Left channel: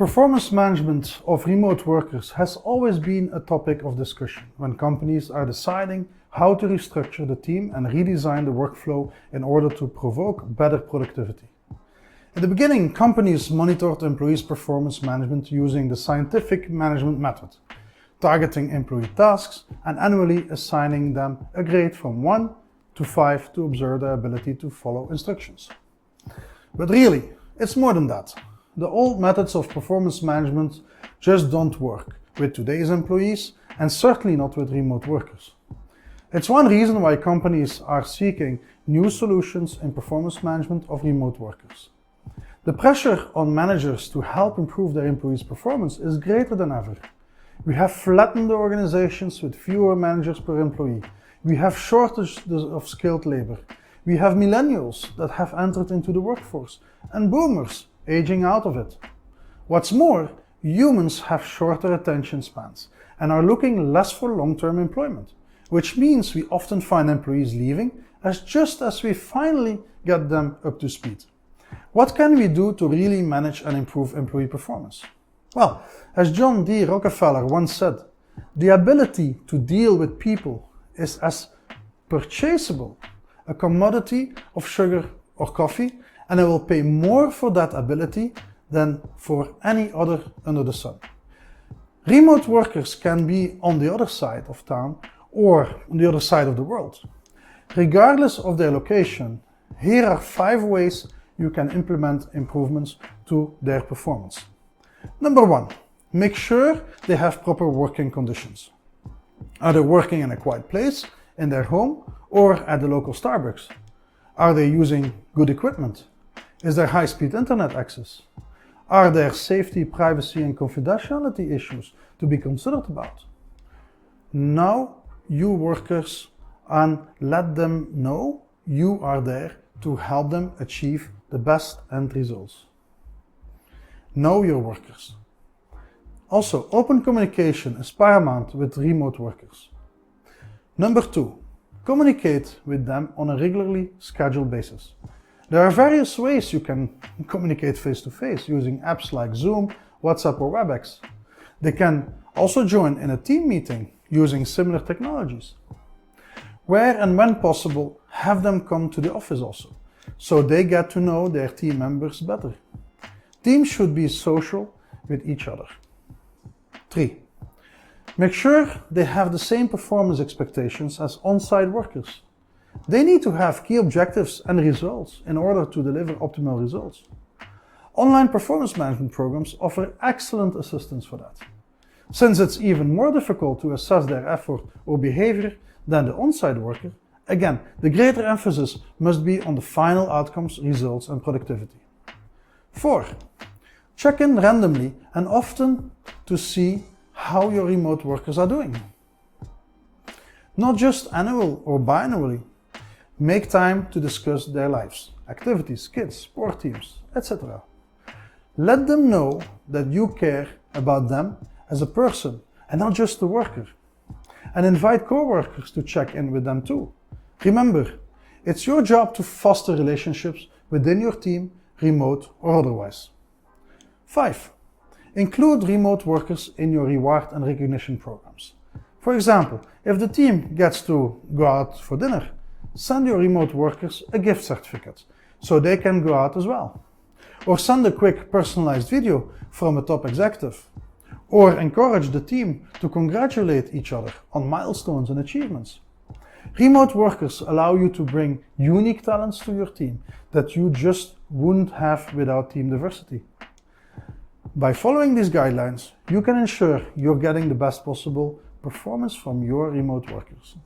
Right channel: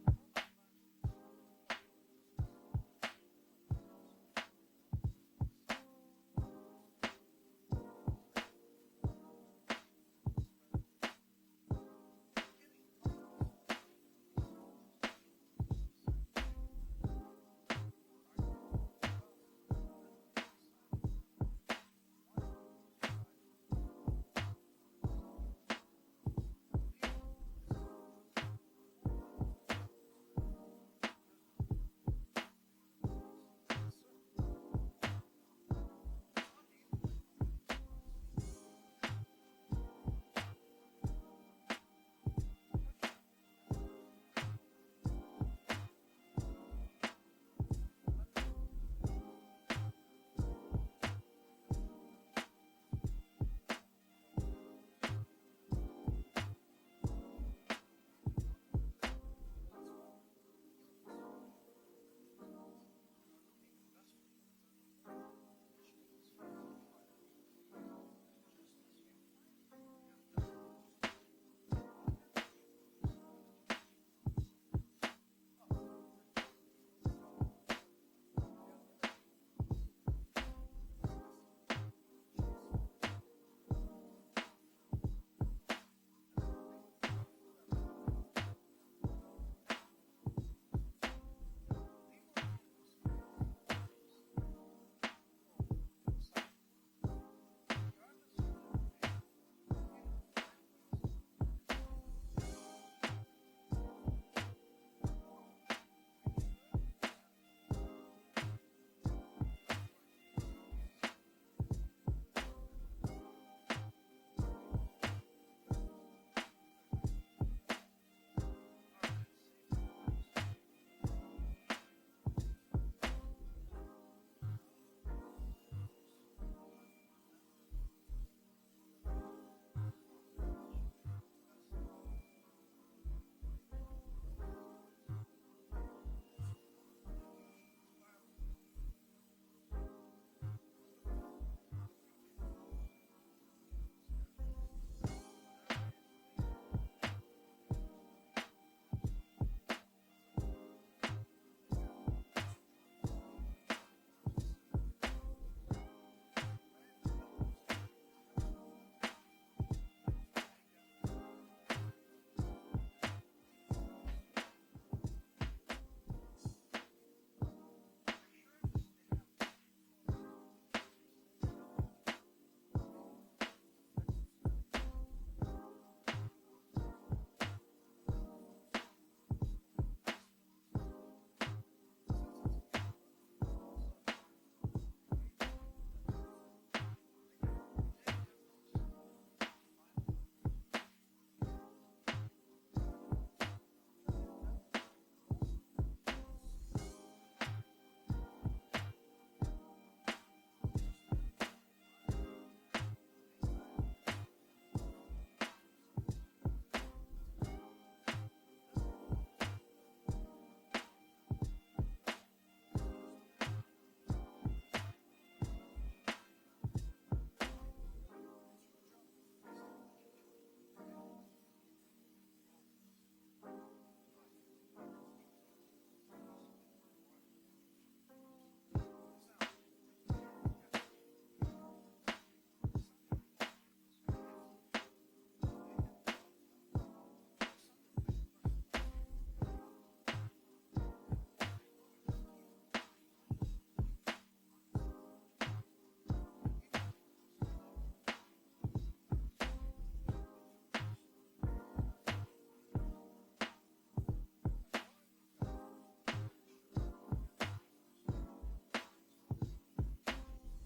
Performance management of remote workers has always been a topic of discussion when companies are deciding how to restructure the team and redesign the workflow in order to provoke better productivity. In the beginning, companies monitored employees' performance management using the scientific management method, targeting employee tasks and annually assigning them a grade from 1 to 5 to observe their ability to follow instructions. But really, it's more than that. The old methods of performance management just don't work with today's employees and certainly not with remote workers. It's one reason why companies are seeking new solutions in performance management of remote workers. The pressure on managers to help improve their employees' performance is greater than ever. We have flattened the organizations with fewer managers per employee. We have shortages of skilled labor. We have millennials that have entered into the workforce and boomers aging out of it. What's more, humans have shorter attention spans and are looking less for long-term employment, which means we often find employees leaving just as we finally get them up to speed. What can we do to really manage and improve employee performance? Well, as John D. Rockefeller once said, the ability to deal with people is as purchasable a commodity of sugar or coffee, and I will pay more for that ability than for any other under the sun. Remote workers can be on the other side of town or on the other side of the world. Regardless of their location, here are 5 ways you can implement improvements to their performance. Number 1, make sure they have proper working conditions. Are they working in a quiet place, in their home, or at the local Starbucks? Are they using good equipment? Is there high-speed internet access? Are there safety, privacy, and confidentiality issues to be considered about? Know your workers and let them know you are there to help them achieve the best end results. Know your workers. Also, open communication is paramount with remote workers. Number 2, communicate with them on a regularly scheduled basis. There are various ways you can communicate face-to-face using apps like Zoom, WhatsApp, or WebEx. They can also join in a team meeting using similar technologies. Where and when possible, have them come to the office also, so they get to know their team members better. Teams should be social with each other. 3. Make sure they have the same performance expectations as on-site workers. They need to have key objectives and results in order to deliver optimal results. Online performance management programs offer excellent assistance for that. Since it's even more difficult to assess their effort or behavior than the on-site worker, again, the greater emphasis must be on the final outcomes, results, and productivity. 4. Check in randomly and often to see how your remote workers are doing. Not just annual or biannually. Make time to discuss their lives, activities, kids, sport teams, etc. Let them know that you care about them as a person and not just a worker. And invite co-workers to check in with them too. Remember, it's your job to foster relationships within your team, remote or otherwise. 5. Include remote workers in your reward and recognition programs. For example, if the team gets to go out for dinner, send your remote workers a gift certificate so they can go out as well. Or send a quick personalized video from a top executive. Or encourage the team to congratulate each other on milestones and achievements. Remote workers allow you to bring unique talents to your team that you just wouldn't have without team diversity. By following these guidelines, you can ensure you're getting the best possible performance from your remote workers.